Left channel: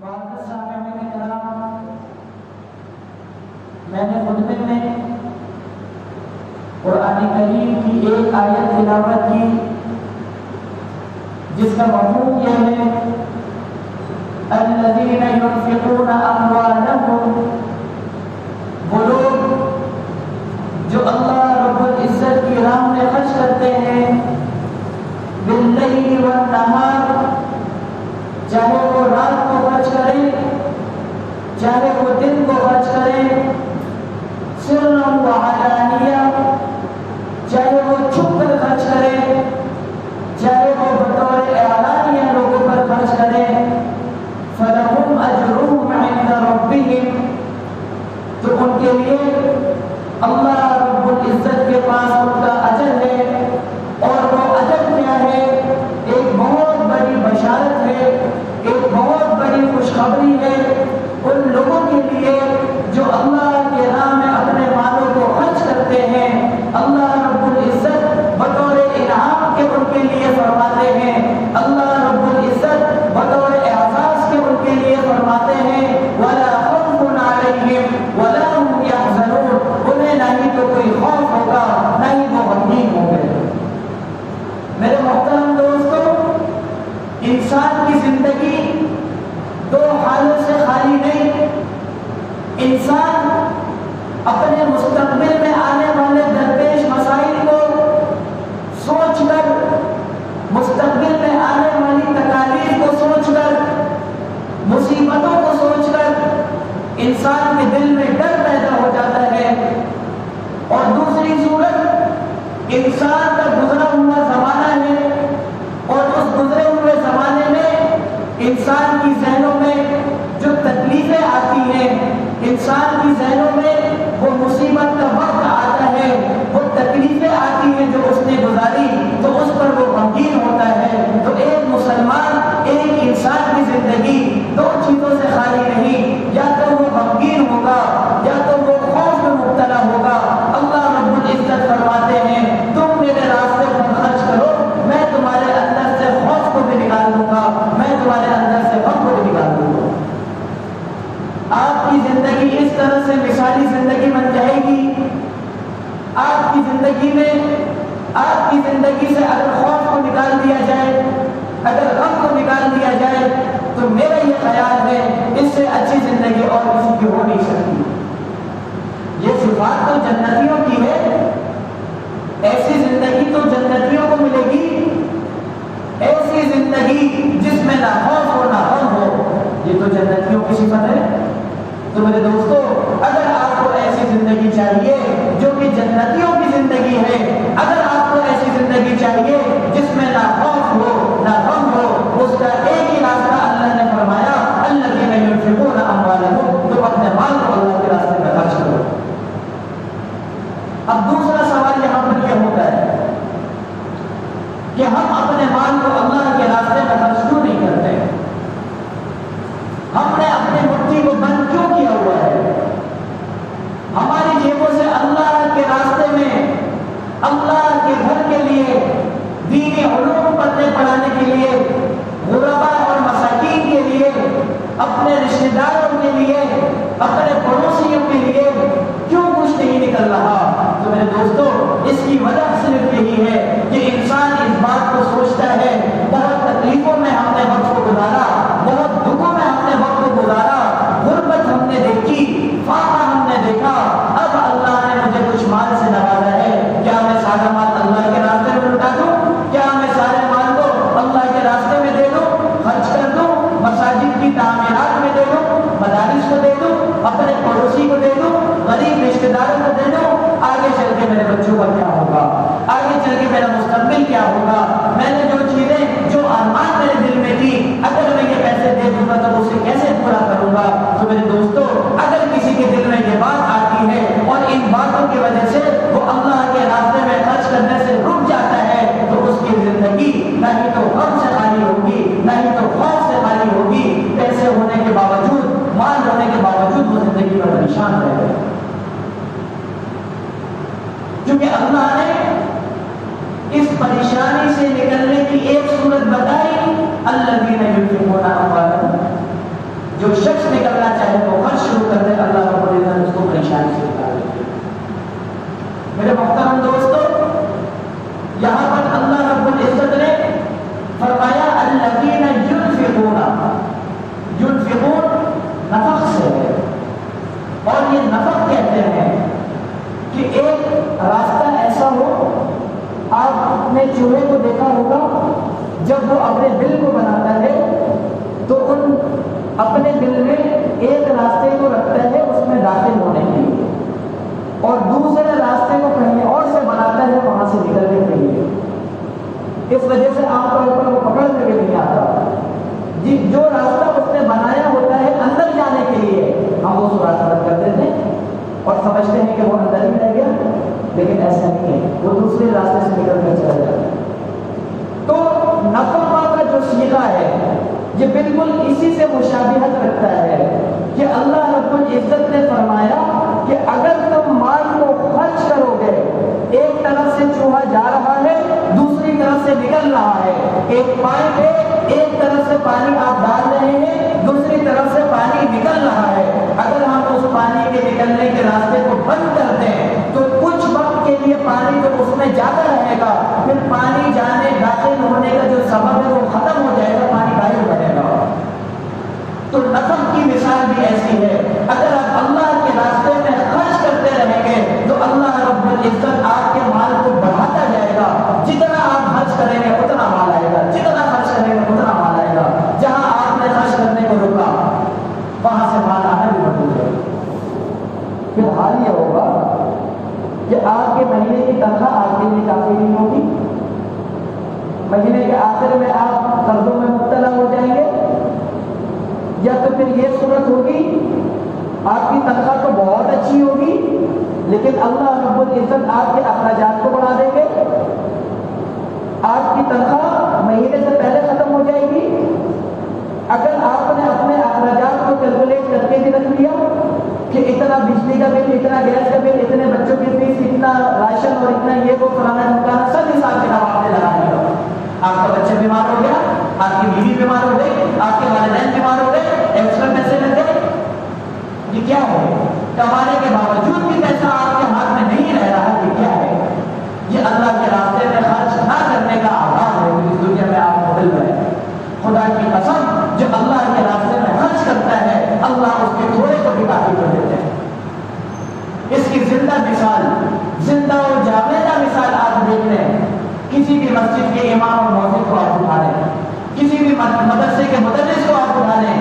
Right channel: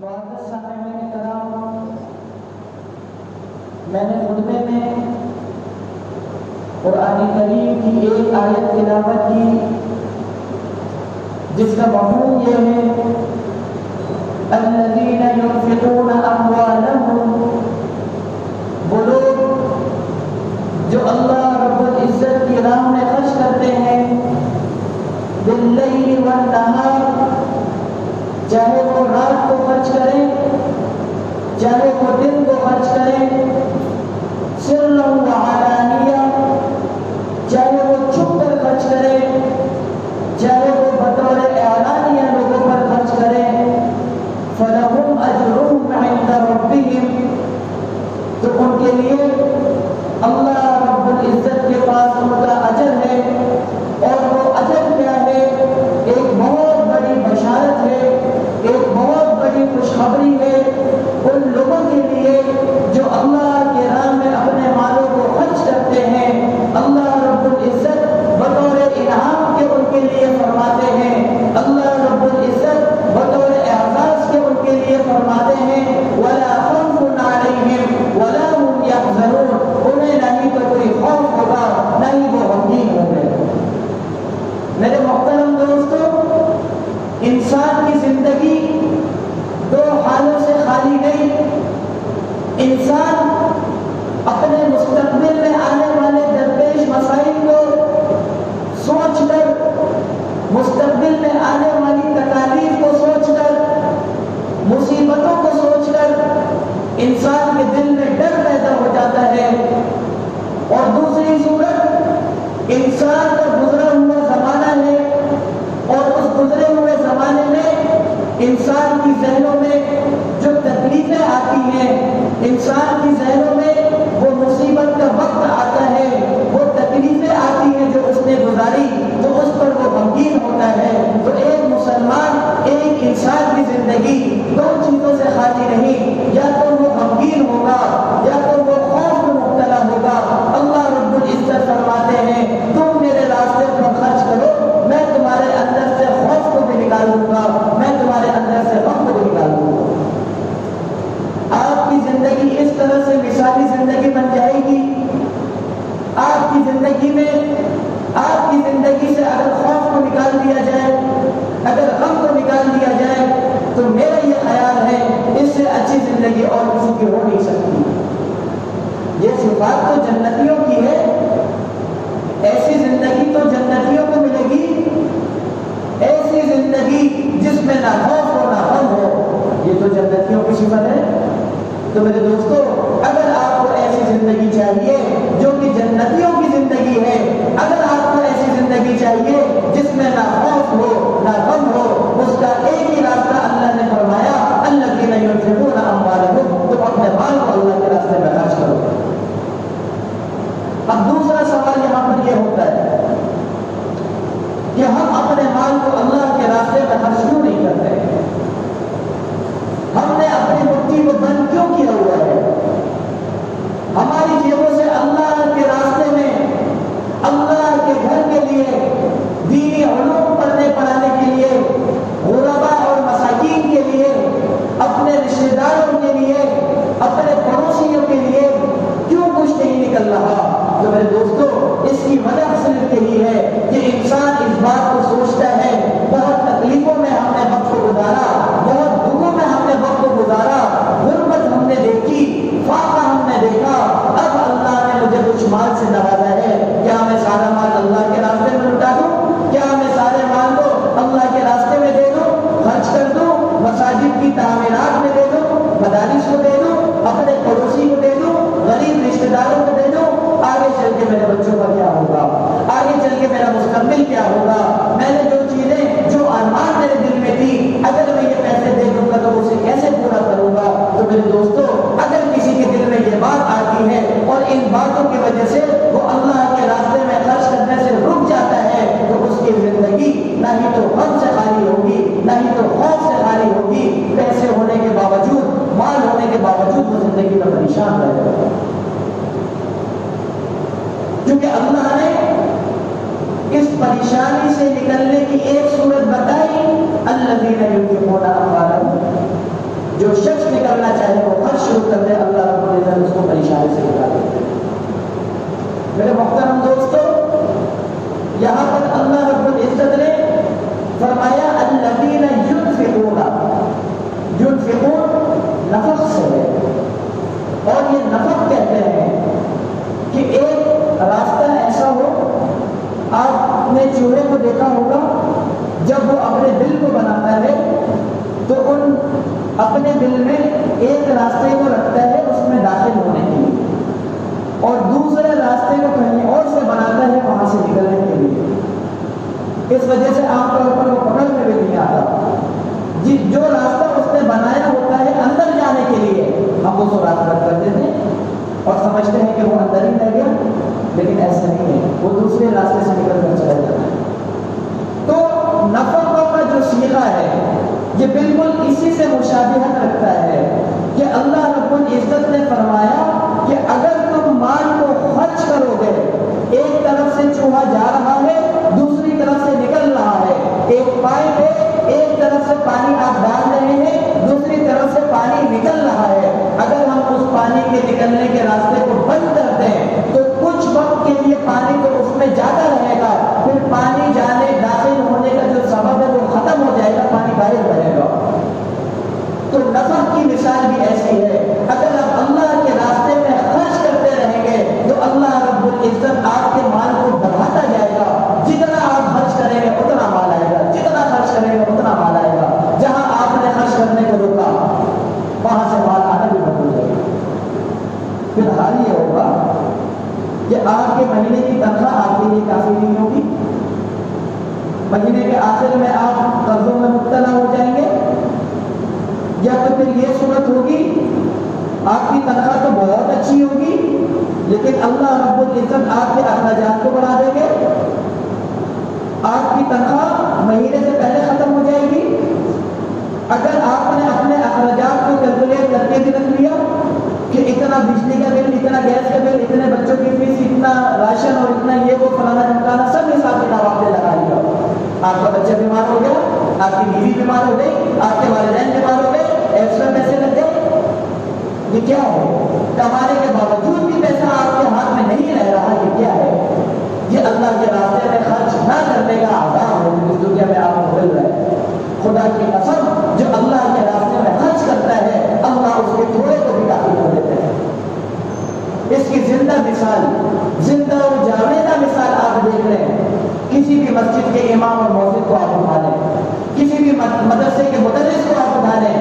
معزز سامعین کرام، میں نے خطبے میں قرآن کریم کی ایک آیت تلاوت کی جس کا مفہوم یہ ہے الذین ينفقون اموالهم، وہ لوگ جو اللہ رب العزت کی راہ میں خرچ کرتے ہیں باللیل والنہار، چاہے وہ رات کو خرچ کریں چاہے وہ دن کو خرچ کریں، سرا وعلانیہ، چاہے وہ چھپ کر خرچ کریں چاہے وہ بطور اعلانیہ لوگوں پر خرچ کریں، فلہم اجرہم عند ربہم، تو ان کے لیے اللہ رب العزت کے پاس ان کا اجر ہے، اور وہ اجر کیا ہے؟ ایک بہت بڑی بشارت ہے، ایک بہت بڑی خوشخبری ہے ان لوگوں کے لیے جو اللہ کے راہ میں اپنے مالوں کو خرچ کرتے ہیں۔ اللہ رب العزت بطور انعام کے ان کے لیے فرماتے ہیں، اللہ رب العزت بطور اعزاز کے ان کے لیے فرماتے ہیں وَلَا خَوْفٌ عَلَيْهِمْ وَلَا هُمْ يَحْزَنُونَ، انہیں نہ ہی تو کوئی خوف ہوگا نہ ہی وہ غمگین ہوں گے۔ میرے محترم دوستو، انسان کی زندگی دو حالوں سے خالی نہیں۔ انسان اپنے مستقبل میں آنے والے درپیش مسائل کو سوچ کر، مستقبل میں آنے والی تکالیف کو سوچ کر، مصیبتوں کو سوچ کر انسان کے دل میں ڈر پیدا ہو جاتا ہے، اور دوسری صورت انسان کا گزرا ہوا زمانہ ہے، اور اس گزرے ہوئے زمانے میں انسان کی ذہنوں میں جو تکلیفیں آتی ہیں، انسان کی ذہنوں میں وہ مصیبت کا وقت آتا ہے، وہ تکلیفیں آتی ہیں جو اس نے گزاری، تو اس پر وہ غمگین ہوتا ہے۔ تو ایک مسلمان، ایک انسان کی زندگی دو چیزوں سے خالی نہیں، یا تو وہ غمگین ہوگا یا تو وہ خوف میں مبتلا ہوگا۔ اللہ رب العزت فرماتے ہیں تم میرے راستے پر خرچ کرو، میں تمہارے اندر سے خوف کو بھی نکال دوں گا، میں تمہارے اندر سے غم کو بھی نکال دوں گا۔ آپ کی زندگی اس طرح سے مثالی زندگی بن جائے گی، آپ کی زندگی میں، آپ کی زندگی سے اگر خوف کو نکال دیا جائے، اگر غم کو نکال دیا جائے، تو میرا یہ خیال ہے اس سے اچھی زندگی اور کسی کی ہو نہیں سکتی۔ یہ صفات تو جنتیوں کی ہے، ایسی زندگی تو جنتیوں کو ملے گی، ایسی زندگی جس میں نہ خوف ہو نہ غم ہو، یہ تو جنتیوں کی صفت ہے۔ تو میرے دوستو، اگر آپ کو ایسی زندگی چاہیے جو کہ جنتیوں کی زندگی ہے، اگر آپ کو ایسی زندگی چاہیے جس میں نہ خوف ہو نہ غم ہو، اس کا ایک ہی راستہ اللہ نے فرمایا الذین ينفقون اموالهم، تو اپنے مال کو اللہ کے راستے میں خرچ کرو۔ اب دوسرا سوال یہاں پر یہ ہوتا ہے کہ ہم اپنے مال کو اللہ کے راستے میں خرچ کیوں نہیں کرتے؟ ہم نے اپنی مٹھی کو بند کیوں کیا ہوا ہے؟ ہماری جیبوں سے اللہ کے راستے میں، اللہ کے گھر کے لیے، دینی علوم پڑھنے پڑھانے کے لیے، غرباء اور مساکین کے لیے، اپنے رشتہ داروں کے لیے، اپنے پڑوسیوں کے لیے کیوں کچھ نہیں نکل رہا؟ تو میرے دوستو، اس کی وجہ صرف یہی ہے کہ انسان اس بات کو سوچتا ہے بہت تکلیفوں میں ہم نے وقت کو گزارا، بہت دکھوں میں ہم نے وقت کو گزارا، غربت ہم نے دیکھی، فاقہ ہم نے دیکھا، اب اللہ نے مجھے کچھ مال سے نوازا ہے، کیا میں سارا مال اللہ کے راستے میں لٹا دوں؟ کیا میں سارے مال کو اللہ کے راستے میں دے دوں، خرچ کر دوں، مساجد کی تعمیرات میں دے دوں، مدارس کو دے دوں، اپنے پڑوسی کو دے دوں، غریب رشتہ داروں کو دے دوں؟ آگے چل کے میرے بچوں کا کیا ہوگا؟ آگے چل کے میرا مستقبل کیا ہوگا؟ میں نے جو چیزیں، جو ارمان میرے دل میں تھی، اگر میں یہ پیسے دے دوں گا تو اسے کیسے پورا کروں گا؟ تو میرے دوستو، اگر کسی کے دل میں یہ بات آتی ہے اور ان باتوں کی وجہ سے وہ اللہ کے راستے میں خرچ کرنے سے رک جاتا ہے، تو اس کی زندگی نہ ہی تو غم سے خالی ہوگی، نہ ہی تو خوف سے خالی ہوگی، پیسے ہونے کے باوجود، مال ہونے کے باوجود وہ زندگی پر پریشان رہے گا۔ کیونکہ اللہ نے اس پریشانی سے نکلنے کی ایک صورت بتائی الذین ينفقون اموالهم، شخص نکلنا چاہے وہ خرچ شروع کر دے، اللہ رب العزت اس کو پریشانی سے نکال دے۔ میرے محترم دوستو، یہاں پر اللہ رب العزت نے فرمایا الذین ينفقون، نفق سے ہے، اور یہ نفق کہتے ہیں کہ ایک راستہ ایسا ہو، آپ نے چوہے کو دیکھا ہوگا جب وہ اپنے دل کو بناتا ہے تو ان اپنے دل میں ایک راستے کو رکھتا ہے اس میں داخل ہونے کے لیے، اور دوسرے راستے کو کہیں اور سے بناتا ہے وہاں سے نکلنے کے لیے۔ اس وجہ سے عام طور پر وہ پکڑ میں بھی نہیں آتا۔ جو راستہ اس نے بنایا ہوتا ہے اندر جانے کے لیے، ہم اس راستہ رد کر دیتے ہیں اور سمجھتے ہیں کہ وہ اندر ہی رہ گیا، لیکن ایسا نہیں ہے، وہ دوسرے راستے سے نکل کر چلا جاتا ہے۔ تو نفقہ کا جو صیغہ ہے یہ بالکل اسی سے مشابہت رکھتا ہے کہ اللہ رب العزت نے فرمایا کہ اگر تم مال کو خرچ کرو گے، ایک طرف سے چوہا جا رہا ہے، دوسری طرف سے نکل رہا ہے، ایک پائپ ہے، ایک طرف سے پانی آپ ڈال رہے ہیں، دوسری طرف سے پانی نکل رہا ہے، اگر ہم اس پانی کے نکلنے کے راستے کو بند کر دیں تو کچھ وقت کے لیے پانی تو اس میں جاتا رہے گا، پھر پانی جانے داخل ہونے کا جو سبب ہے وہ ختم ہو جائے گا، پانی غائب رہے گا۔ تو نفق کی مثال بھی ایسی ہے، اگر آپ اللہ کے راستے میں خرچ کرتے رہیں گے تو اللہ رب العزت آپ کے مال کو بڑھاتا جائے گا، جتنا آپ خرچ کریں گے اتنا مال آئے گا، جتنا خرچ کریں گے اتنا مال آئے گا، جہاں آپ نے خرچ کرنے کو روکا وہاں سے مال آنا بھی بند ہو جائے گا۔ پھر حال یہ ہوگا کہ آپ کے مہینے کی تنخواہ آپ کے لیے کافی نہیں ہوگی، مہینے کے آخر میں آپ قرضوں میں مبتلا ہو جائیں گے، یا تو پھر یہ صورت ہوگی آپ کی تنخواہ تو بہت اچھی ہوگی لیکن اللہ رب العزت آپ کے اخراجات کو بڑھا دیں گے، آپ کی تنخواہ مہینے سے پہلے ختم ہو جائے گی۔ اگر آپ نے اپنے اخراجات کو کیلکولیٹ کر کے بھی رکھ لیا کہ اتنا بجلی کا بل، اتنا گیس کا بل، اتنے بچوں کی فیس، اتنا راشن اور اتنا یہ وہ فلانا ڈھمکانا، سب حساب کتاب آپ نے لگا لیا، آپ کا بچہ بیمار ہو گیا، آپ کی بیوی بیمار ہو گئی، آپ کے والدین بیمار ہو گئے، ایکسٹرا پیسے لگ گئے، یہ کیا ہے؟ کمانے کے باوجود بھی پیسہ آپ کے ہاتھ میں نہیں رہ رہا، یہ کیا ہے؟ یہ اللہ کے راستے میں خرچ نہ کرنے کا عذاب ہے اس دنیا میں آپ کو مل رہا ہے۔ خدا کی قسم، جو اللہ کے راستے میں خرچ کرتا ہے اللہ اس کے تھوڑے کو بھی کافی کر دیتے ہیں۔ اس کی زندہ مثال، زندہ اور جاویدہ مثال آپ دیکھ لیں، کسی بھی مسجد کے امام اور مؤذن کو آپ اٹھا لیں، کسی بھی مدرسے کے مدرس کو آپ اٹھا لیں،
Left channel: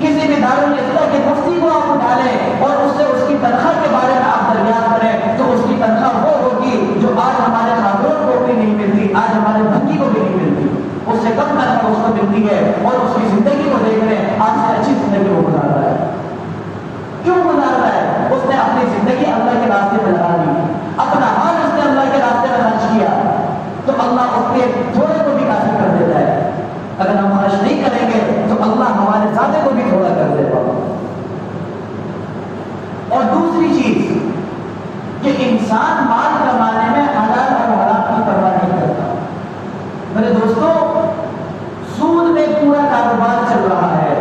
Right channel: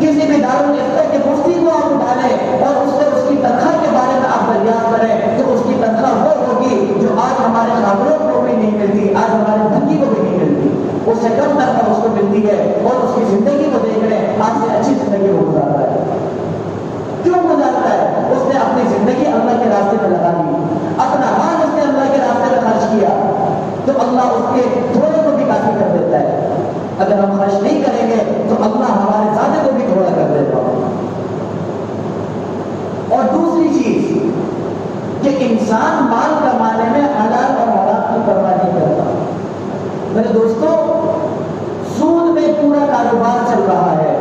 کسی بھی دارالفتہ کے مفتی کو آپ اٹھا لیں اور اس سے اس کی تنخواہ کے بارے میں آپ دریافت کریں تو اس کی تنخواہ وہ ہوگی جو آج ہمارے خاتون کو بھی نہیں ملتی، آج ہمارے بھنگی کو بھی نہیں ملتی، اس سے کم تنخواہ اس کو ملتی ہے، اور اس کی زندگی کو دیکھ رہے ہیں آپ سے اچھی زندگی وہ گزار رہا ہے۔ کیوں گزار رہا ہے؟ اس نے اپنی زندگی اللہ کے راستے میں لگا دی، اپنا مال اس نے اللہ کے راستے میں خرچ کیا، تو اللہ اس کے تھوڑے کو بھی کافی کر دیتا ہے۔ اگر ہم خرچ نہیں کریں گے تو اللہ ہمارے زیادہ کو بھی تھوڑا کر دیتا ہے۔ اور دوسری چیز کہ انسان مال کمانے میں حلال اور حرام کی پرواہ نہیں کرتا۔ میرے دوستوں، سود میں پورا کاروبار چل رہا ہے،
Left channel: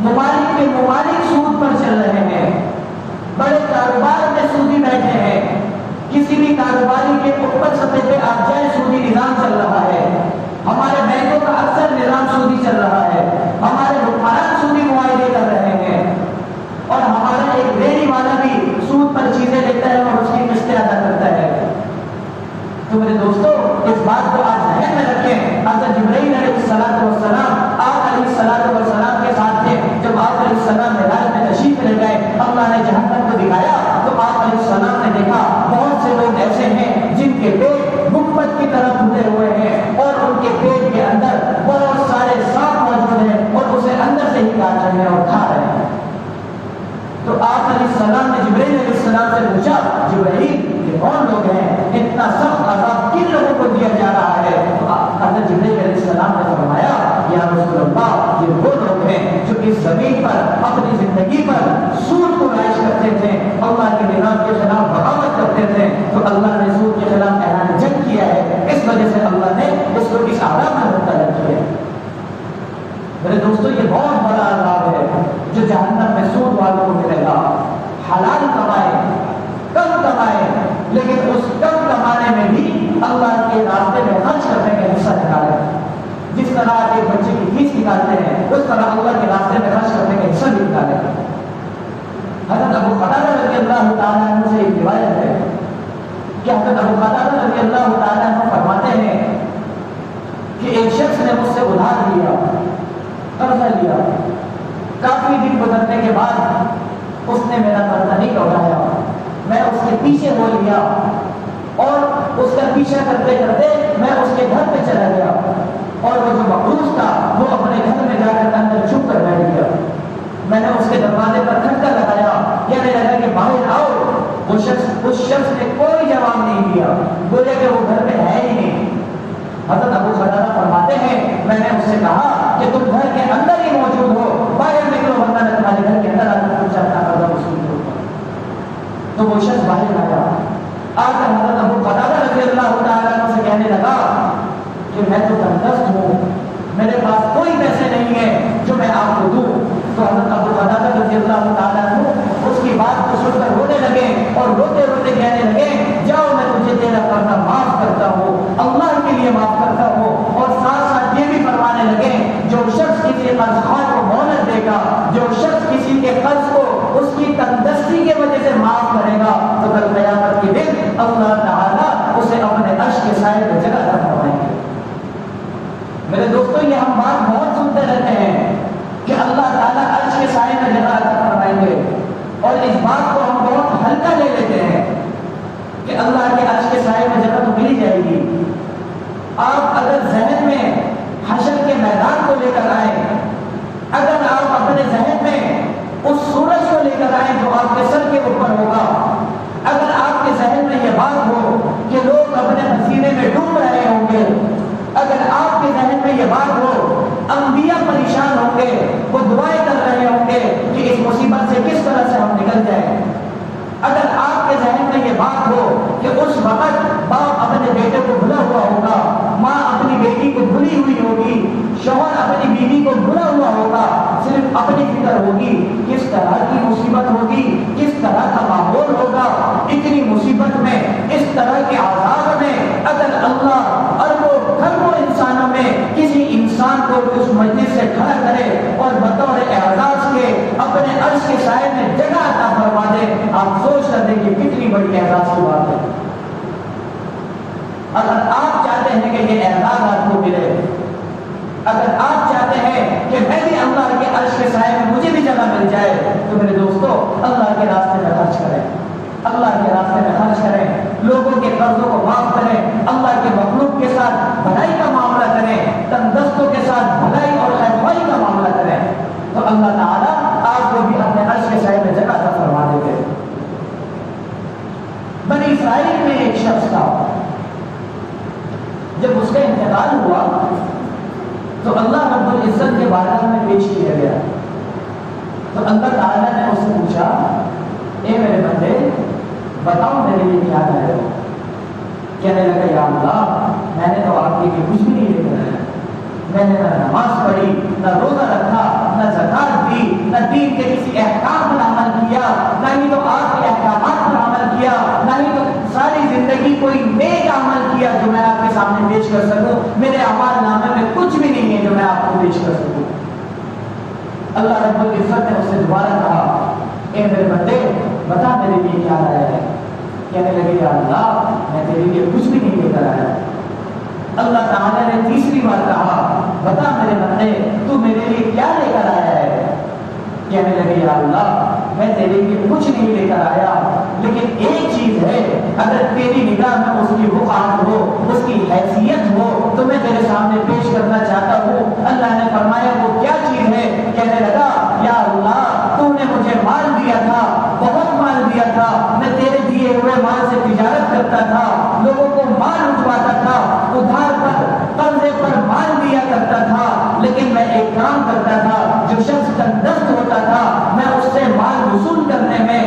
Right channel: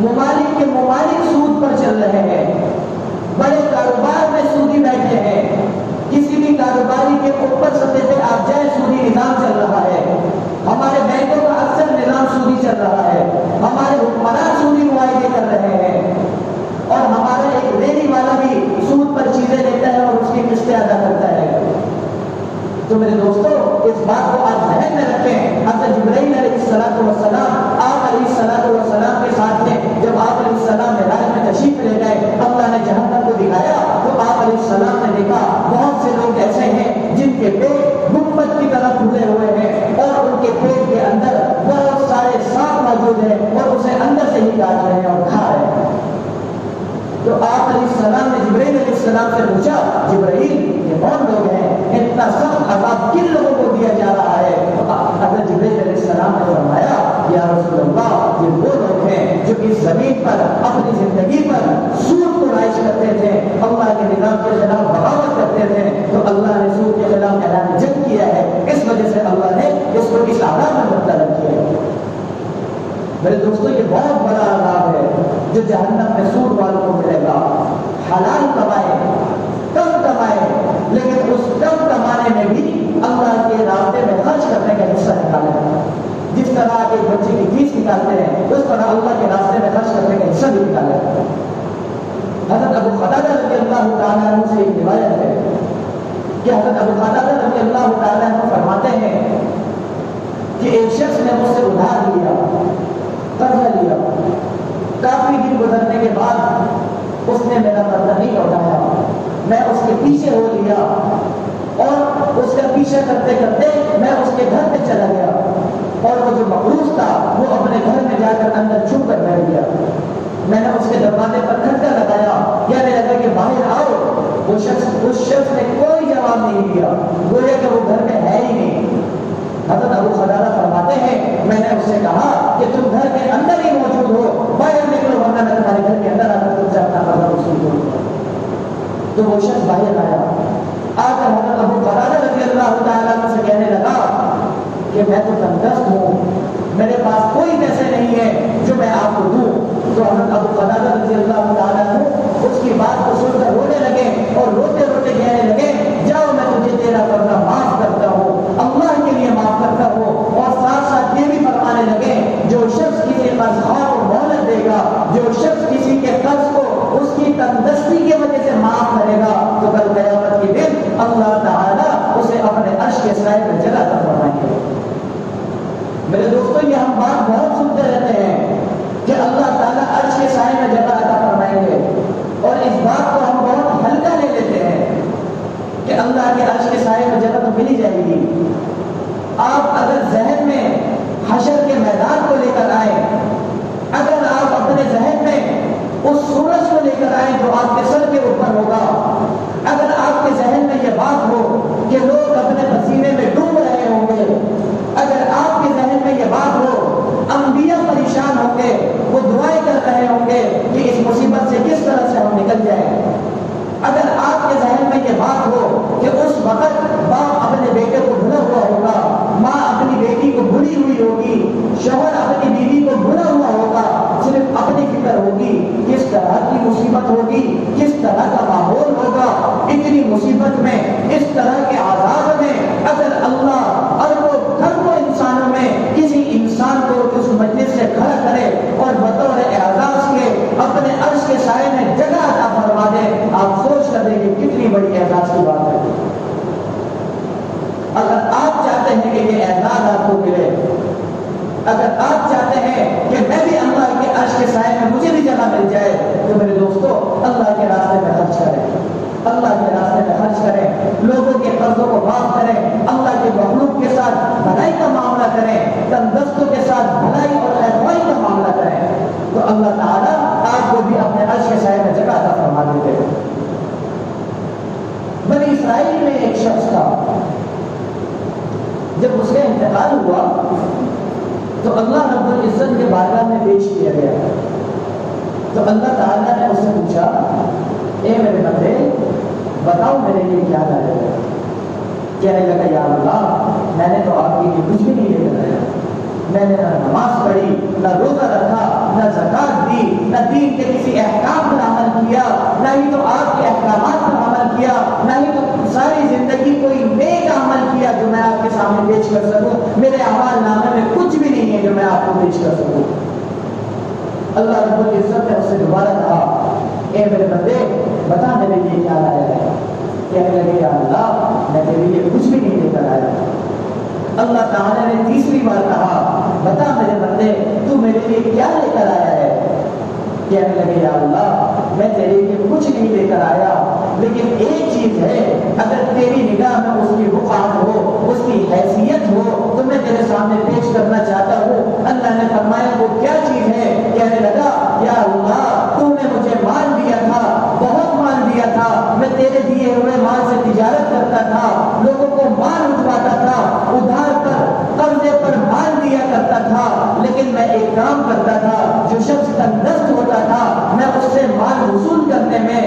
ممالک کے ممالک سود پر چل رہے ہیں، بڑے کاروبار میں سودی بیٹھے ہیں، کسی بھی کاروباری کے اوپر سطح پہ آپ جائیں سودی نظام چل رہا ہے، ہمارے بینکوں کا اکثر نظام سودی چل رہا ہے، ہمارے حکمران سودی معاہدے کر رہے ہیں، اور ہمارا ایک ریڑھی والا بھی سود پر چیزیں لیتا ہے اور اس کی قسطیں ادا کرتا ہے۔ تو میرے دوستوں، اس بات کو آپ ذہن میں رکھیں، حضرت جبرائیل علیہ السلام آپ علیہ السلام کے ساتھ تھے، جب آپ علیہ السلام معراج میں تشریف لے گئے، اللہ نے جہنم کو دکھایا تو آپ علیہ السلام نے دیکھا بہت سے لوگ ایسے ہیں جن کے پیٹ گنبد کی طرف پھولے ہوئے ہیں اور ان کے پیٹ کے اندر بہت سارے سانپ موجود ہیں اور اسے اندر سے ہی کاٹ رہے ہیں اور کھا رہے ہیں۔ تو آپ علیہ السلام نے جبرائیل علیہ السلام سے پوچھا، جبرائیل یہ کون لوگ ہیں، اتنا سخت عذاب کن لوگوں کو دیا جا رہا ہے؟ تو حضرت جبرائیل علیہ السلام نے فرمایا، یا رسول اللہ، یہ وہ لوگ ہیں جو اس زمین پر اپنی زندگی پر سود کو رائج کرتے تھے، اللہ کے نظام کے خلاف بغاوت کرتے تھے، تو اللہ نے سود کے خلاف اعلان جنگ کیا ہے، اس وجہ سے اللہ نے اس کو اس عذاب میں مبتلا کیا ہے۔ میرے دوستو یہ بہت بڑا عذاب ہے جو جہنم میں سود والوں کو ملے گا. حلال کمائے کم کمائے لیکن اس کم کمانے میں بھی اللہ کے راستے میں خرچ کرنے کا حصہ نکالے. جس طرح آپ ایک بچے کی فیس نکالتے ہیں اس طرح اللہ کے راستے میں خرچ کرنے کا حصہ بھی نکالے. حضرت ابو قتادہ رضی اللہ تعالیٰ عنہ سے ایک روایت ہے کہ حضرت ابو قتادہ رضی اللہ تعالیٰ عنہ فرماتے ہیں کہ ایک شخص نے مجھ سے ادھار لیا، قرضہ لیا. کافی دن گزرنے کے بعد اس نے میرا قرضہ نہیں لوٹایا. میں اس کے پیچھے ہو لیا اور اس کا پیچھا کرتے کرتے میں اس کے گھر پہ چلا گیا اور وہ جو مقروض تھا وہ اپنے گھر میں جا کر اندر چھپ کر بیٹھ گیا. میں نے اس کے دروازے پر کھٹکا لگایا، کہنے لگا کہ باہر آؤ. اس شخص نے کوئی جواب نہیں دیا، بولے کہ وہ گھر میں ہے ہی نہیں. حضرت ابو قتادہ فرماتے ہیں میں نے اس سے کہا کہ تم گھر کے اندر ہی موجود ہو، باہر نکلو ورنہ میں تمہارے گھر کے اندر آ کر تم سے اپنا قرضہ وصول کروں. تو وہ شخص باہر آیا، آ کر حضرت ابو قتادہ رضی اللہ تعالیٰ عنہ سے کہنے لگا کہ میں تو تندرست ہوں، میرے پاس کوئی پیسے نہیں ہیں جو میں آپ کو دوں. تو حضرت ابو قتادہ رضی اللہ تعالیٰ عنہ اس کی بات کو سن کر رونے لگے اور روتے روتے کہنے لگے جاؤ میں تجھے تیرا قرضہ معاف کرتا ہوں، اللہ کے لیے معاف کرتا ہوں. اور ساتھ ساتھ یہ بھی فرمانے لگے جو شخص کسی قرض خواہ کو مہلت دے گا، جو شخص کسی کے قرض کو اس کی تندرستی کی وجہ سے معاف کرے گا تو کل قیامت کے دن اللہ تعالیٰ اسے اپنے عرش کے سائے میں جگہ عطا فرمائیں گے. میرے دوستو یہ ہم بات بہت سنتے رہتے ہیں کہ اللہ تعالیٰ عرش کے سائے میں جگہ عطا فرمائیں گے اور اس بات کو ہم بہت ہلکا لے لیتے ہیں کہ اللہ کے عرش کے سائے میں جگہ تو مل جائے گی. آپ اگر ذہن میں حشر کے میدان کو لے کر آئیں، اگر آپ اپنے ذہن میں اس سورج کو لے کر آئیں جو آپ کے سر کے اوپر ہوگا، اگر آپ کے ذہن میں یہ بات ہو کہ لوگ اپنے پسینے میں ڈوب رہے ہوں گے، اگر آپ کے ذہن میں یہ بات ہو انبیاء پریشان ہوں گے، وہ دعائیں کر رہے ہوں گے کہ اس مصیبت سے کس طرح سے ہم نکل جائیں، اگر آپ کے ذہن میں یہ بات ہو کہ اس وقت باپ اپنے بیٹے کو بھلا ہوا ہوگا، ماں اپنی بیٹی کو بھلی ہوئی ہوگی، شوہر اپنی بیوی کو بھلا ہوا ہوگا، صرف اپنی فکر ہوگی کس طرح کی مصیبت ہوگی، کس طرح کا ماحول ہوگا، اتنی مصیبت میں، اس طرح کے عذاب میں اگر اللہ اربوں انسانوں میں کسی انسان کو اس مجلس سے کھڑا کرے اور بطور اعزاز کے اپنے عرش کے سائے میں جگہ عطا فرما دے، آپ سوچ کر دیکھیں کتنی بڑی اعزاز کی بات ہے. اگر آپ چاہتے ہیں کہ یہ اعزاز آپ کو ملے، اگر آپ چاہتے ہیں کہ میں بھی اللہ کے عرش کے سائے میں مجھے بھی جگہ مل جائے، تو میرے دوستو اللہ کے راستے میں خرچ کریں، اللہ کے راستے میں خرچ کریں، لوگوں کے قرضوں کو معاف کریں، اللہ کے مخلوق کے ساتھ بھلائی کا معاملہ کریں، تندرستوں کے ساتھ بھلائی اور خیرخواہی کا معاملہ کریں، تو اللہ تعالیٰ آپ کو بھی اپنے عرش کے سائے میں جگہ عطا فرما دیتے. بنی اسرائیل میں ایک شخص تھا، جب اس کا انتقال ہوا تو اللہ رب العزت کے بارگاہ میں پیش کیا گیا. تو اللہ تعالیٰ نے اس سے پوچھا اے میرے بندے بتاؤ میرے لیے کیا کر رہے ہو. کہنے لگا یا اللہ میں نے تو آپ کے لیے کچھ بھی نہیں لے کر آیا، میں نے نہ نماز پڑھی، نہ روزہ رکھا، نہ زکات دی، نہ دین کے کسی احکام پر عمل کیا، نہ ہی تو آپ کے احکامات پر عمل کیا، نہ ہی تو ساری زندگی کوئی نیک عمل کیا جو میں آپ کے سامنے پیش کر سکوں. میرے اعمال نامے میں کچھ بھی نہیں ہے جو میں آپ کو پیش کر سکوں. اللہ رب العزت نے اس سے دوبارہ کہا اے میرے بندے بتا میرے لیے کیا لایا ہے. کہنے لگے یا اللہ میں تیرے لیے کچھ بھی نہیں لے کر آیا. اللہ تعالیٰ نے تیسری بار کہا بتا میرے بندے تو میرے لیے کیا لے کر آیا ہے. کہنے لگے یا اللہ میں تیرے لیے کچھ نہیں لے کر آیا، لیکن ایک چیز ہے اگر تیری نگاہ میں اس کی وقار ہو، اس کی حیثیت ہو تو میں تیرے سامنے پیش کرنا چاہتا ہوں. اللہ نے فرمایا وہ کیا چیز ہے. کہنے لگا یا اللہ تو نے مجھے مال دیا تھا، بہت مال دیا تھا، میں تیرے دیے ہوئے مال سے تجارت کرتا تھا، لوگوں کو مال اٹھواتا تھا، ادھار پر قرضے پر مال دیا کرتا تھا، لیکن میں ایک کام کرتا تھا جو شخص تندرست ہوتا تھا میں اس سے مال وصول کرنے میں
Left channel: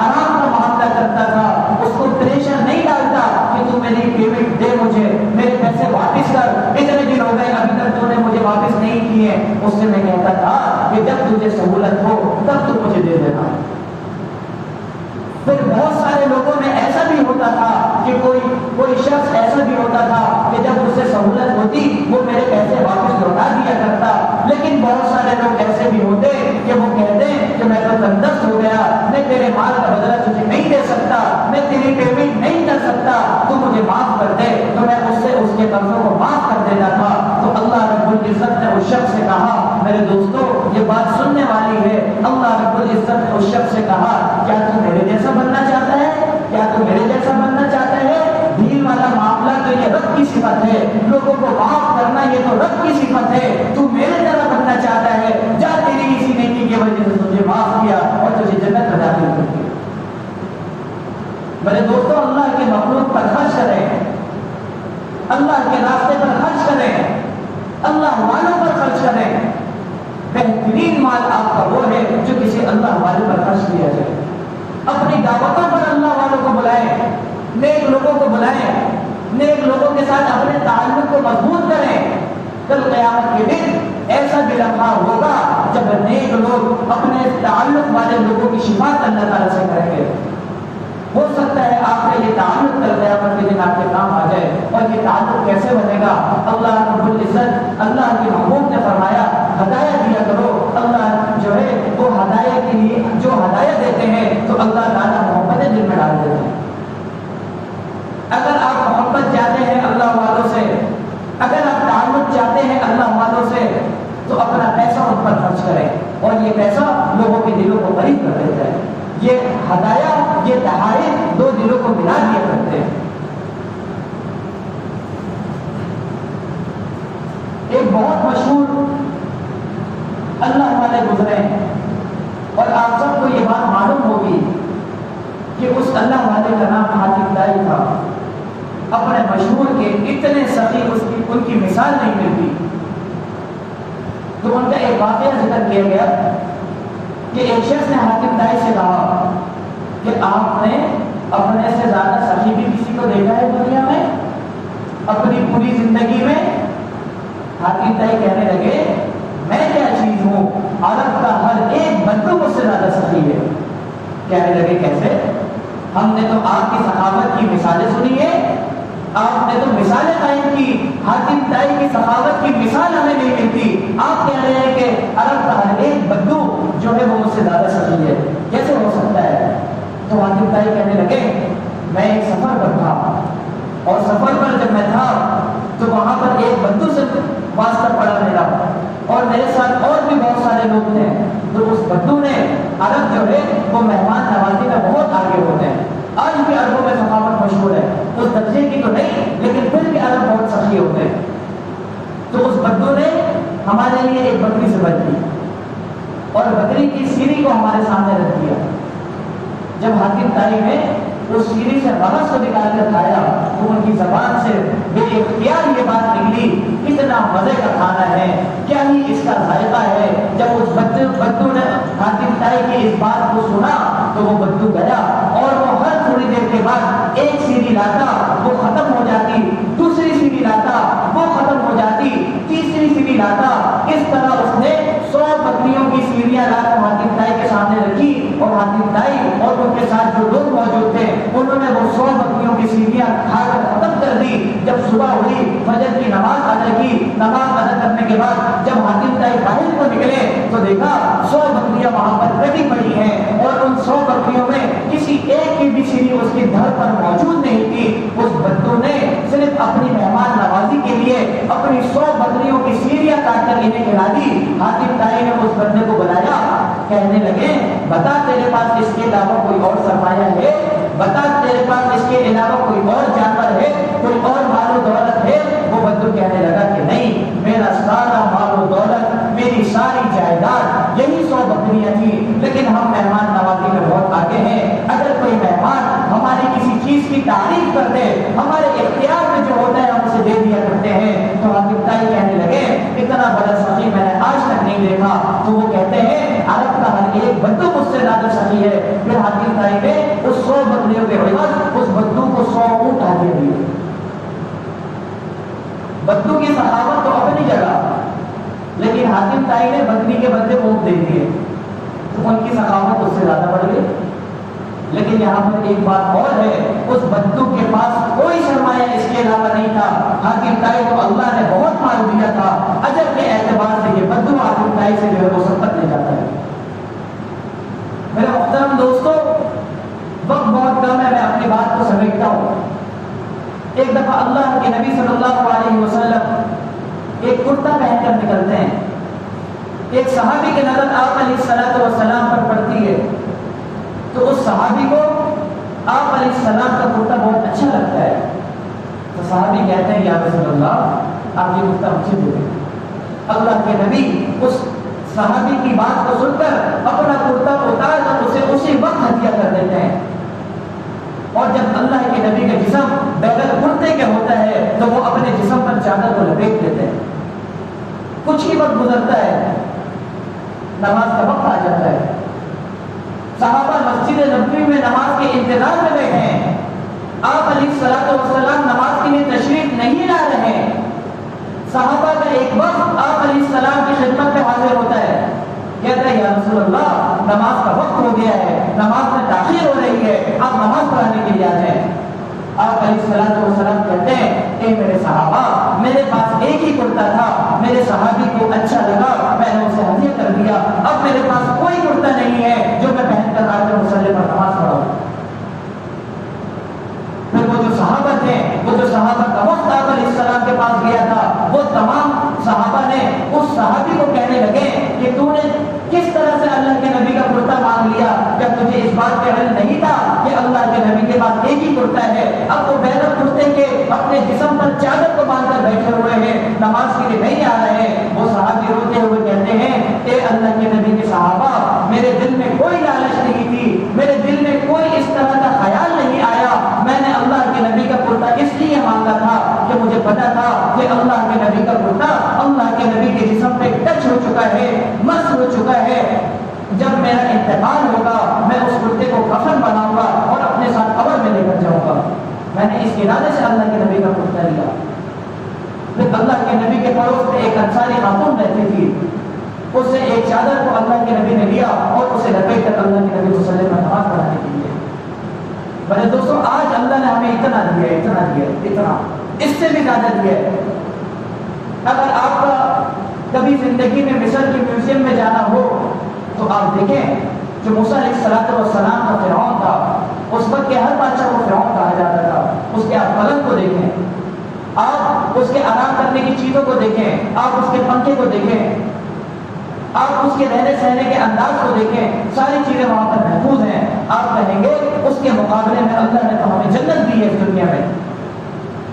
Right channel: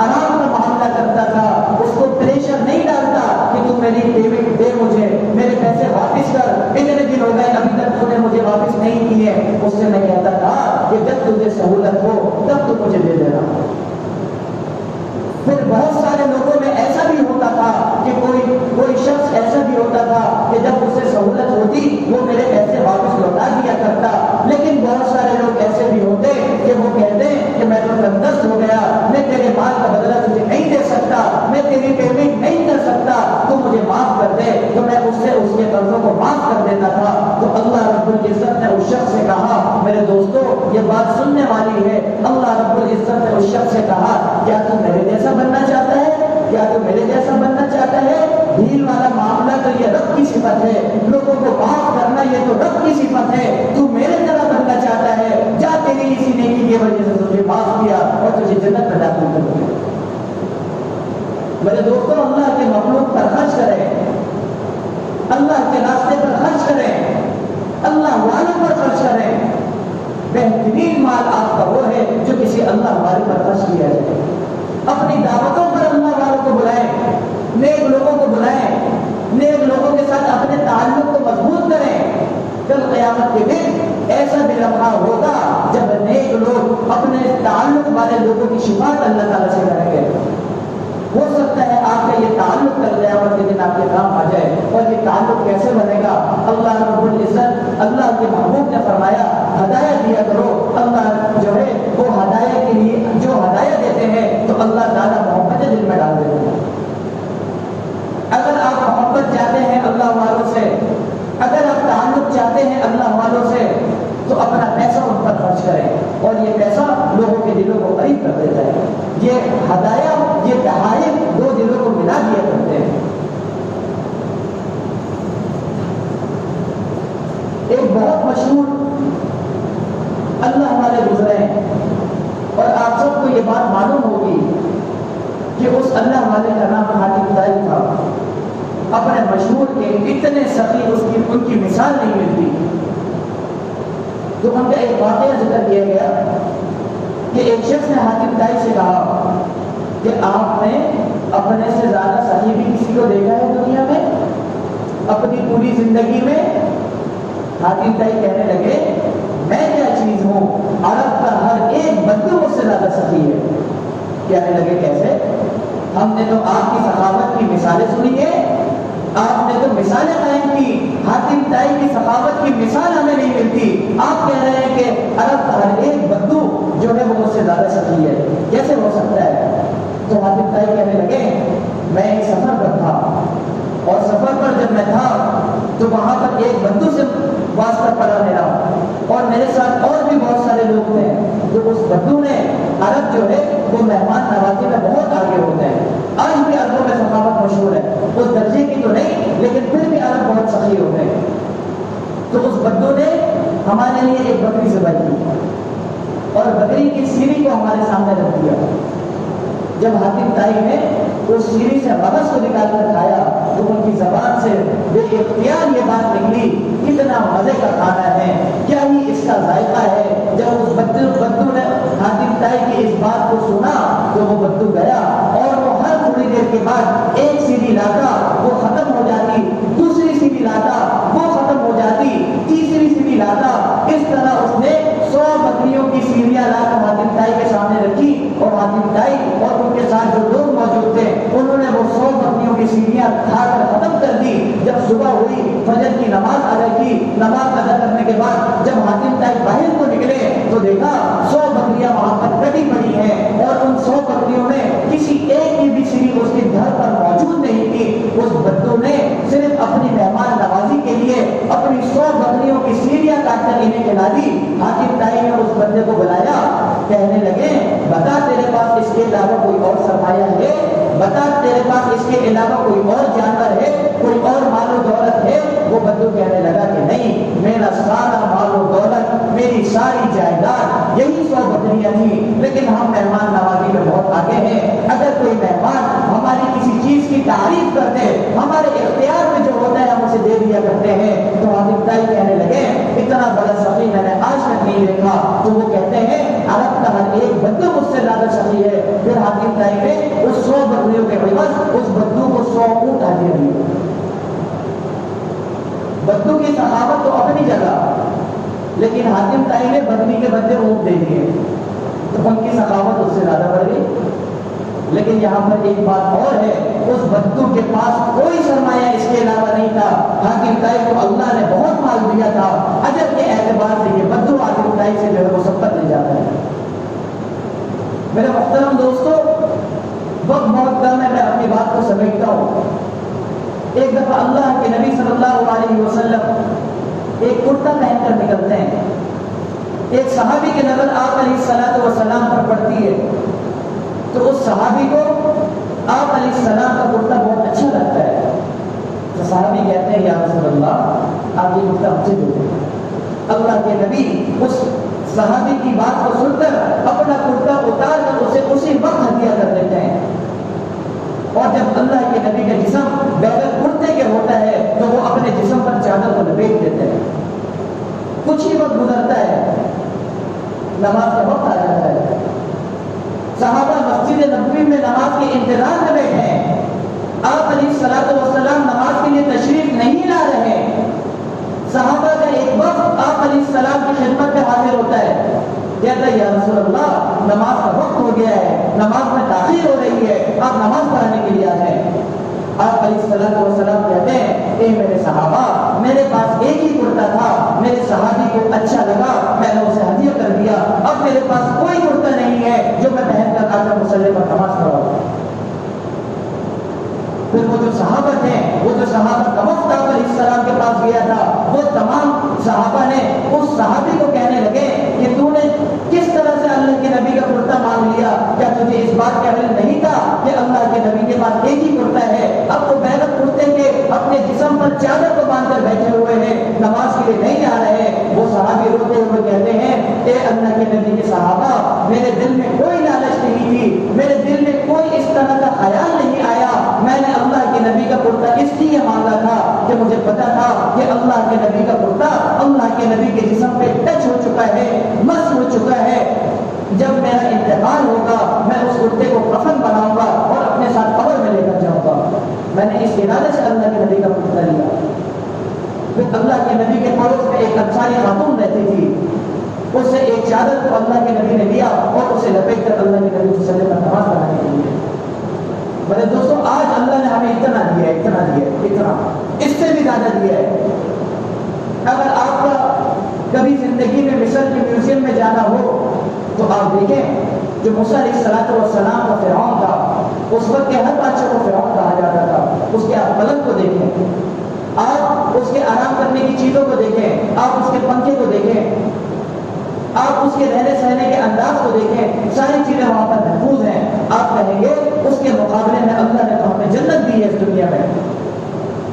آرام کا معاملہ کرتا تھا، اس کو پریشر نہیں ڈالتا کہ تو میری پیمنٹ دے، مجھے میرے پیسے واپس کر، اتنے دن ہو گئے ابھی تک تو نے مجھے واپس نہیں کیے، اس سے میں کہتا تھا کہ جب تجھے سہولت ہو تب تو مجھے دے دینا. پھر بہت سارے لوگوں میں ایسا بھی ہوتا تھا کہ کوئی شخص ایسا بھی ہوتا تھا کہ جب اسے سہولت ہوتی وہ میرے پیسے واپس لوٹا دیا کرتا. لیکن بہت سارے لوگ ایسے بھی ہوتے کہ وہ کہتے کہ میں تو تندرست ہو گیا, میں تیرے مال کا بدلہ تجھے نہیں دے سکتا, میں تیری پیمنٹ نہیں کر سکتا, تو مجھے معاف کر دے. تو میں اس سے اس کے قرضوں کو معاف کر دیتا تھا. تو اللہ رب العزت نے اس شخص سے کہا, میرے دوستو یہ بات سننے والی ہے, اللہ رب العزت نے اس شخص سے کہا کیا تو میرے جیسا بننا چاہتا ہے, کیا تو میرے جیسا بننا چاہتا ہے؟ ڈھیل والا معاملہ تو یہ رب کی صفت ہے, لوگوں کو معاف کرنا یہ تو رب کی صفت ہے. تو میرے طرح بننا چاہتا ہے, جا تیری اسی نیکی کی وجہ سے تجھے معاف کیا اور تجھے جنت میں داخل کر دیا. میرے دوستوں اللہ کے مخلوق پر خرچ کریں, اللہ کے راستے پر خرچ کریں, اللہ والوں پر خرچ کریں. بہترین مال آپ کا وہ ہے جو کسی اللہ والے پر خرچ کیا جائے. اپنی دعوتوں پر اللہ والوں کو بلائیں, نیک لوگوں کو بلائیں, نیک لوگوں کے ساتھ اپنے تعلق کو مضبوط کریں. کل قیامت کے دن ایسا بھی لمحہ ہوگا جب نیک لوگ اپنے تعلق والے لوگوں کی شفاعت اللہ تعالیٰ سے کریں گے. ہو سکتا ہے آپ کا یہ تعلق کل قیامت کے دن آپ کے کام آ جائے. اور یہ تعلق کیسے بنے گا؟ اللہ رب العزت اللہ کے محبوب نے فرمایا ہدایت دیا کرو. اللہ جو ہے وہ ہدایت کے لیے جو ہدایت دیتے ہیں تو اللہ تعالیٰ محبت دل میں ڈال دیتے ہیں. اگر آپ محبت چاہتے ہیں اللہ والوں سے, اگر آپ تعلق چاہتے ہیں اللہ والوں سے, تو اپنا پیسہ ان پر خرچ کریں, اور یہ پیسہ لوگوں کے دلوں کو قریب کر دیتا ہے. یہ ہدایہ, یہ تحائف دو دلوں کو ملا دیا کرتے ہیں. ایک بہت مشہور اللہ والے گزرے ہیں, اور آپ سب کو یہ بات معلوم ہوگی کہ اس اللہ والے کا نام حاتم طائی تھا. اپنے مشہور کے اتنے سخی ان کی مثال نہیں ملتی. تو ان کا ایک واقعہ ذکر کیا گیا کہ ایک شخص نے حاتم طائی سے کہا کہ آپ نے اپنے سے زیادہ سخی بھی کسی کو دیکھا ہے دنیا میں اپنی پوری زندگی میں؟ حاتم طائی کہنے لگے میں کیا چیز ہوں, عرب کا ہر ایک بندو مجھ سے زیادہ سخی ہے. کہنے لگے کیسے؟ ہم نے تو آپ کی سخاوت کی مثالیں سنی ہے, آپ نے تو مثالیں قائم کی, حاتم طائی کی سخاوت کی مثال ہمیں نہیں ملتی. آپ کہہ رہے ہیں کہ عرب کا ہر ایک بندو جو ہے وہ مجھ سے زیادہ سخی ہے, کیسے ہو سکتا ہے؟ تو حاتم طائی کہنے لگے میں ایک سفر پر تھا, اور سفر پر جب میں تھا تو وہاں پر ایک بندو سے واسطہ پڑا میرا, اور میرے ساتھ اور بھی بہت سارے لوگ تھے. تو اس بندو نے, عرب جو ہے وہ مہمان نوازی میں بہت آگے ہوتے ہیں, آج بھی عربوں میں سخاوت مشہور ہے, اس درجے کی تو نہیں لیکن پھر بھی عرب بہت سخی ہوتے ہیں. تو اس بندو نے ہمارے لیے ایک بکری ذبح کی, اور بکری کی سیری کو ہمارے سامنے رکھ دیا. جب حاتم طائی نے اس سیری سے مرض کو نکال کر کھایا تو ان کی زبان سے بے اختیار یہ بات نکلی کتنا مزے کا کھانا ہے, کیا ہی اس کا ذائقہ ہے. جب اس بدو نے حاتم طائی کی اس بات کو سنا تو وہ بدو گیا, اور وہ ہر تھوڑی دیر کے بعد ایک سیری لاتا, وہ ختم ہو جاتی, دوسری سیری لاتا, وہ ختم ہو جاتی, تیسری سیری لاتا. اس طرح اس نے 100 بکریوں کی سیریاں لا کر حاتم طائی کے سامنے رکھی, اور حاتم طائی اور ان کے ساتھ جو لوگ موجود تھے انہوں نے وہ 100 بکریوں کی سیریاں کھا کر ختم کر دی. جب صبح ہوئی, فجر کی نماز ادا کی, نماز ادا کرنے کے بعد جب حاتم طائی باہر کو نکلے تو دیکھا 100 بکریاں وہاں پر کٹی پڑی ہیں, اور ان 100 بکریوں میں کسی ایک کی بھی سیری اس کی دھر پر موجود نہیں تھی. اس بدو نے صرف اپنی مہمان نوازی کے لیے اپنی 100 بکریوں کی سیریاں کاٹ کر انہیں کھلا دی. حاتم طائی نے اس بندے کو بلایا, کہنے لگے بتا تیرے پاس اس کے علاوہ کوئی اور سرمایہ ہے, بتا تیرے پاس اس کے علاوہ کوئی اور جانور ہے, کوئی اور مال و دولت ہے؟ وہ بدو کہنے لگا کہ نہیں, میرا سارا مال و دولت, میری ساری جائیداد یہی 100 بکریاں تھیں, لیکن ہم مہمان نوازی میں بہت آگے ہیں. اگر کوئی مہمان ہماری کسی چیز کی تعریف کرتے, ہمارے اختیار میں جو ہوتا ہے ہم اسے دے دیا کرتے ہیں. تو حاتم طائی کہنے لگے اتنا بڑا سخی میں نے آج تک نہیں دیکھا. تو وہ کہتے ہیں عرب کا ہر ایک بدو مجھ سے زیادہ سخی ہے. پھر حاتم طائی نے اس 100 بکریوں کے عوض اس بدو کو 100 اونٹ ہدیہ دیے. بدو کی سخاوت تو اپنی جگہ, لیکن حاتم تائی نے بکری کے بدلے اونٹ دے دیے تو ان کی سخاوت اس سے زیادہ بڑھ گئی. لیکن یہاں پر ایک بات اور ہے, اس بدو کے پاس کوئی سرمایہ اس کے علاوہ نہیں تھا. حاتم تائی کو اللہ نے بہت مال دیا تھا. اجر کے اعتبار سے یہ بدو حاتم تائی سے جو ہے وہ سب تک لے جاتا ہے. میرے محترم دوستو, وقت بہت کم ہے, میں اپنی بات کو سمیٹتا ہوں. ایک دفعہ اللہ کے نبی صلی اللہ علیہ وسلم ایک کرتا پہن کر نکلتے ہیں. ایک صحابی کی نظر آپ علیہ الصلوۃ والسلام پر پڑتی ہے تو اس صحابی کو آپ علیہ السلام کا کرتا بہت اچھا لگتا ہے. تو صحابی کہتے ہیں یا رسول اللہ آپ یہ کرتا مجھے دے دیں. اللہ کے نبی اس صحابی کی بات کو سن کر اپنا کرتا اتار کر اسے اسی وقت ہدیہ کر دیتے ہیں. اور جب اللہ کے نبی کا جسم بغیر کرتے کے ہوتا ہے تو وہ اپنے جسم پر چادر کو لپیٹ دیتے ہیں. کچھ ہی وقت گزرتا ہے, نماز کا وقت آ جاتا ہے. صحابہ مسجد نبوی میں نماز کے انتظار میں بیٹھے ہیں. آپ علیہ الصلوۃ والسلام نماز کے لیے تشریف نہیں لا رہے ہیں. صحابہ کا ایک وقت آپ علیہ السلام کی خدمت میں حاضر ہوتا ہے, کہتا ہے یا رسول اللہ نماز کا وقت ہو گیا ہے, نماز میں تاخیر ہو رہی ہے, آپ نماز پڑھنے کے لیے آ جائیں. آپ علیہ الصلوۃ والسلام کہتے ہیں اے میرے صحابہ, میرے پاس ایک ہی کرتا تھا, میرے صحابی کو اچھا لگا, میں نے اسے ہدیہ کر دیا. اب میرے پاس کوئی کرتا نہیں ہے جو میں پہن کر آ کر مصلی پر نماز پڑھاؤں. پھر وہ جو صحابہ تھے, وہ جو صحابہ کا وقت آپ علیہ السلام کے پاس گیا تھا, وہ تمام صحابہ نے اس صحابی کو کہنے لگے کہ تو نے کس طرح سے اللہ کے نبی کا کرتا مانگ لیا, کیا تجھے اس بات کا علم نہیں تھا کہ اللہ کے نبی کے پاس ایک ہی کرتا ہے؟ اب وہ بغیر کرتے کے اپنے جسم پر چادر کو باندھ کر بیٹھے ہوئے ہیں, نماز کے لیے نہیں آ رہے ہیں. وہ صحابی روتے ہوئے کہتے ہیں کہ اللہ کے نبی کے صحابہ, میرے دل میں کوئی لالچ نہیں تھی, میرے دل میں کوئی اس طرح کا خیال نہیں آیا. میں نے اللہ کے نبی کا کرتا اس لیے مانگا تھا کہ مجھے پتا تھا کہ اللہ کے نبی کا کرتا اللہ کے نبی کے جسم پہ ٹچ ہو چکا ہے, مس ہو چکا ہے. جب میرا انتقال ہوگا میں اس کرتے کو کفن بناؤں گا اور اپنے ساتھ قبر میں لے کر جاؤں گا. میں نے اس ارادے سے اللہ کے نبی کا کرتا لیا. پھر اللہ کے نبی کے پڑوس میں ایک انصاری خاتون رہتی تھی, اس سے ایک چادر کو اللہ کے نبی نے لیا اور اسے لپیٹ کر اللہ کے نبی صلی اللہ علیہ وسلم نماز پڑھانے کے لیے. میرے دوستوں, آج اللہ نے ہمیں اتنا دیا ہے, اتنا دیا ہے, اتنا, اس سے بھی زیادہ دیا ہے. اگر آپ کا کبھی زندگی میں مصر کے میوزیم میں جانا ہو تو آپ دیکھیں جو موسیٰ علیہ الصلوۃ والسلام کا فرعون تھا, اس وقت کے ہر بادشاہ کو فرعون کہا جاتا تھا. اس کے آپ پلنگ کو دیکھیں, آپ اس کے آرام کرنے کی چیزوں کو دیکھیں, آپ اس کے پنکھے کو دیکھیں, آپ اس کے رہنے سہنے کے انداز کو دیکھیں, ساری چیزیں وہاں پر محفوظ ہیں. آپ کہیں گے اس کے مقابلے میں اللہ نے تو ہمیں جنت دی ہے اس دنیا میں.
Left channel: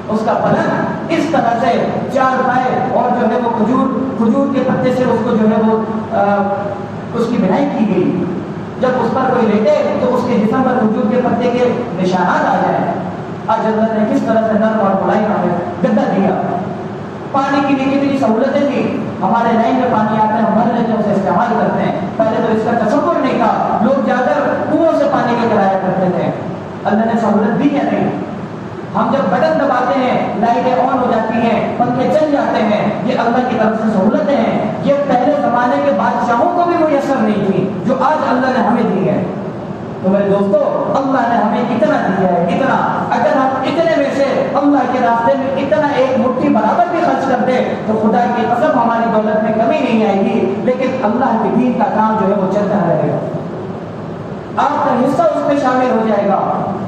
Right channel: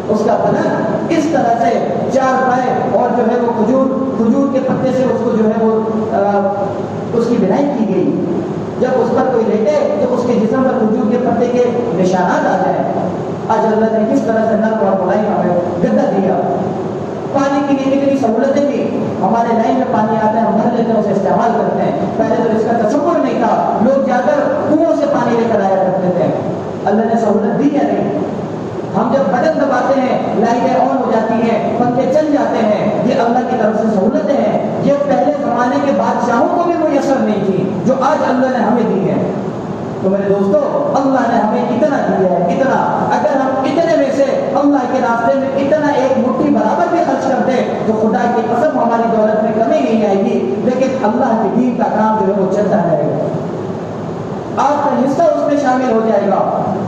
اس کا پلنگ اس طرح سے چار پائے اور جو ہے وہ کھجور کے پتے سے اس کو جو ہے وہ اس کی بنائی کی گئی. جب اس پر کوئی لیٹے تو اس کے جسم پر کھجور کے پتے کے نشانات آ جائیں. آج اللہ نے کس طرح سے نرم اور بڑائی ہمیں گدا دیا. پانی کے لیے کتنی سہولتیں تھی, ہمارے نئے میں پانی آتا ہے, ہم بھر لیتے ہیں, اسے استعمال کرتے ہیں. پہلے تو اس کا تصور نہیں تھا, لوگ جا کر کنویں سے پانی لے کر آیا کرتے تھے. اللہ نے سہولت دی ہے نہیں. ہم جب بٹن دباتے ہیں لائٹیں آن ہو جاتی ہیں, پنکھے چل جاتے ہیں, یہ اللہ کی طرف سے سہولتیں ہیں. یہ پہلے زمانے کے بادشاہوں کو بھی میسر نہیں تھی جو آج اللہ نے ہمیں دی ہے. تو میرے دوستو, اللہ نے ہمیں اتنا دیا ہے, اتنا. اگر ہم اتنے میں سے اللہ کے راستے میں اتنا ایک مٹھی برابر بھی خرچ کر دیں تو خدا کی قسم ہماری دولت میں کمی نہیں آئے گی, لیکن اللہ کے دین کا کام جو ہے وہ چلتا رہے گا. آپ کا حصہ اس میں شامل ہو جائے گا,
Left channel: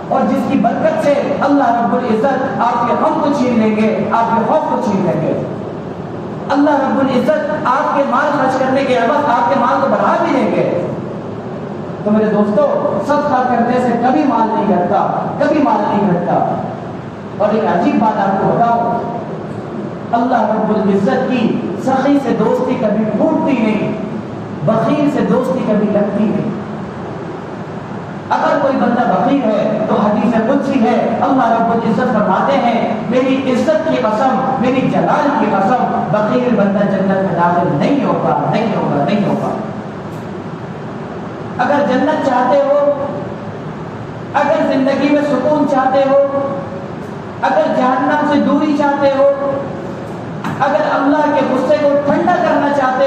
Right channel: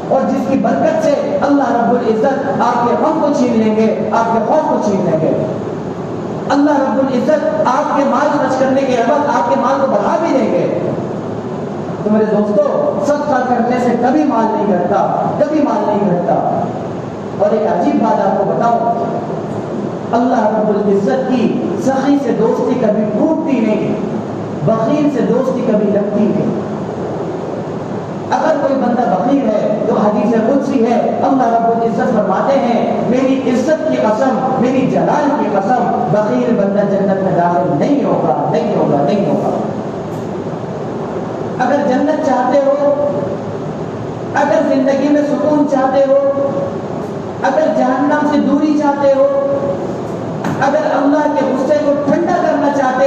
اور جس کی برکت سے اللہ رب العزت آپ کے غم کو چھین لیں گے, آپ کے خوف کو چھین لیں گے. اللہ رب العزت آپ کے مال خرچ کرنے کے عوض آپ کے مال کو بڑھا بھی دیں گے. تو میرے دوستو, صدقہ کرنے سے کبھی مال نہیں گھٹتا, کبھی مال نہیں گھٹتا. اور ایک عجیب بات آپ کو بتاؤں, اللہ رب العزت کی سخی سے دوستی کبھی ٹوٹتی نہیں, بخیل سے دوستی کبھی لگتی نہیں. اگر کوئی بندہ بخیل ہے تو حدیث قدسی ہے, اللہ رب العزت فرماتے ہیں میری عزت کی قسم, میری جلال کی قسم, بخیل بندہ جنت میں داخل نہیں ہوگا, نہیں ہوگا, نہیں ہوگا. اگر جنت چاہتے ہو, اگر زندگی میں سکون چاہتے ہو, اگر جہنم سے دوری چاہتے ہو, اگر اللہ کے غصے کو ٹھنڈا کرنا چاہتے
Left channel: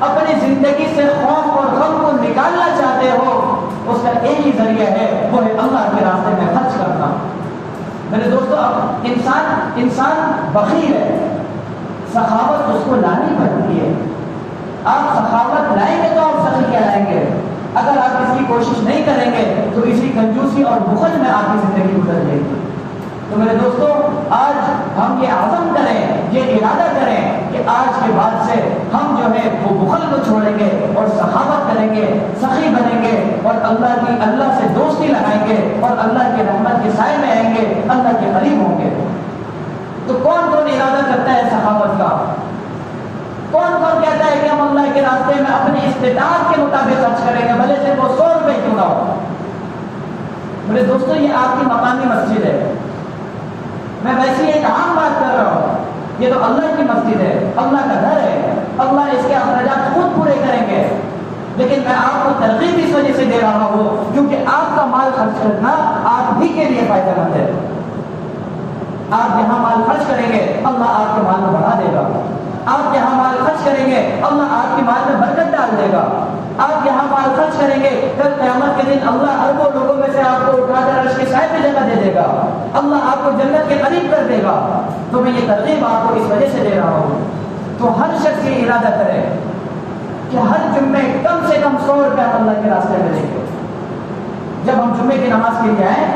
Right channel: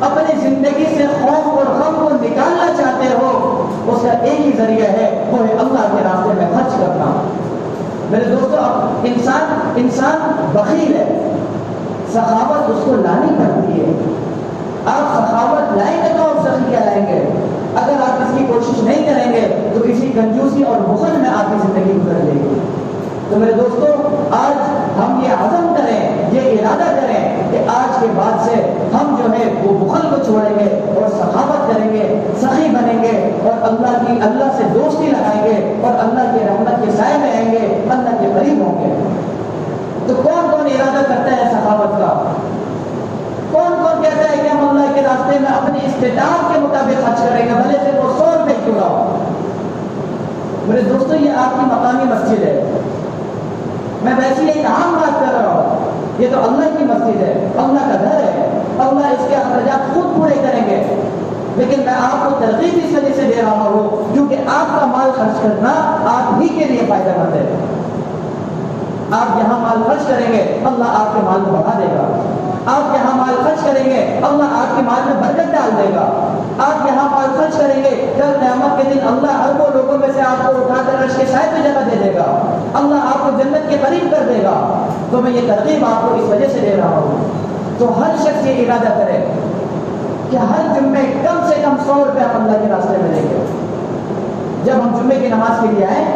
اپنی زندگی سے خوف اور غم کو نکالنا چاہتے ہو، اس کا ایک ہی ذریعہ ہے، وہ ہے اللہ کے راستے میں خرچ کرنا۔ میرے دوستو، اب انسان بخیل ہے، سخاوت اس کو لانی پڑتی ہے۔ آپ سخاوت لائیں گے تو آپ سخی کیا لائیں گے؟ اگر آپ اس کی کوشش نہیں کریں گے تو اسی کنجوسی اور بخل میں آپ کی زندگی گزر جائے گی۔ تو میرے دوستو، آج ہم یہ عزم کریں، یہ ارادہ کریں کہ آج کے بعد سے ہم جو ہے وہ بخل کو چھوڑیں گے اور سخاوت کریں گے، سخی بنیں گے اور اللہ سے دوستی لگائیں گے اور اللہ کی رحمت کے سائے میں آئیں گے، اللہ کے قریب ہوں گے۔ تو کون کون ارادہ کرتا ہے سخاوت کا؟ کون کون کہتا ہے کہ ہم اللہ کے راستے میں اپنی استطاعت کے مطابق خرچ کریں گے، بھلے سے وہ 100 روپے کیوں نہ ہو؟ میرے دوستو، یہ آپ کی مقامی مسجد ہے، میں ویسے ایک عام بات کر رہا ہوں، یہ تو اللہ کی مسجد ہے، اللہ کا گھر ہے، اللہ اس کے اخراجات خود پورے کریں گے، لیکن میں آپ کو ترغیب اس وجہ سے دے رہا ہوں کیونکہ آپ کا مال خرچ کرنا آپ ہی کے لیے فائدہ مند ہے۔ آپ جہاں مال خرچ کریں گے اللہ آپ کے مال کو بڑھا دے گا، آپ جہاں مال خرچ کریں گے اللہ آپ کے مال میں برکت ڈال دے گا، آپ جہاں مال خرچ کریں گے کل قیامت کے دن اللہ اربوں لوگوں میں سے آپ کو اٹھا کر عرش کے سائے پہ جگہ دے دے گا، اللہ آپ کو جنت کے قریب کر دے گا۔ تو میں یہ ترغیب آپ کو اس وجہ سے دے رہا ہوں، تو ہر شخص یہ ارادہ کرے کہ ہر جمعے کم سے کم 100 روپے ہم اللہ کے راستے میں دیں گے۔ جب ہم جمعے کی نماز کے لیے آئیں،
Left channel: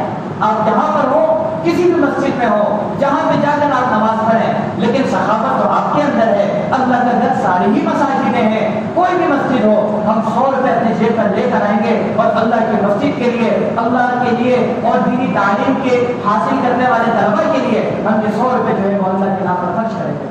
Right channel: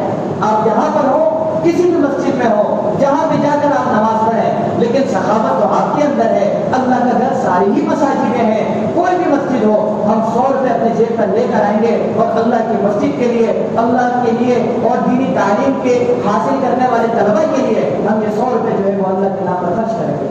آپ جہاں پر ہو، کسی بھی مسجد میں ہو، جہاں پہ جا کر آپ نماز پڑھیں، لیکن سخاوت تو آپ کے اندر ہے۔ اللہ کا گھر ساری ہی مساجدیں ہیں، کوئی بھی مسجد ہو، ہم 100 روپے اپنی جیب پر لے کر آئیں گے اور اللہ کی مسجد کے لیے، اللہ کے لیے اور دینی تعلیم کے حاصل کرنے والے طلبا کے لیے ہم یہ 100 روپے جو ہے وہ اللہ کے نام پر خرچ کریں گے۔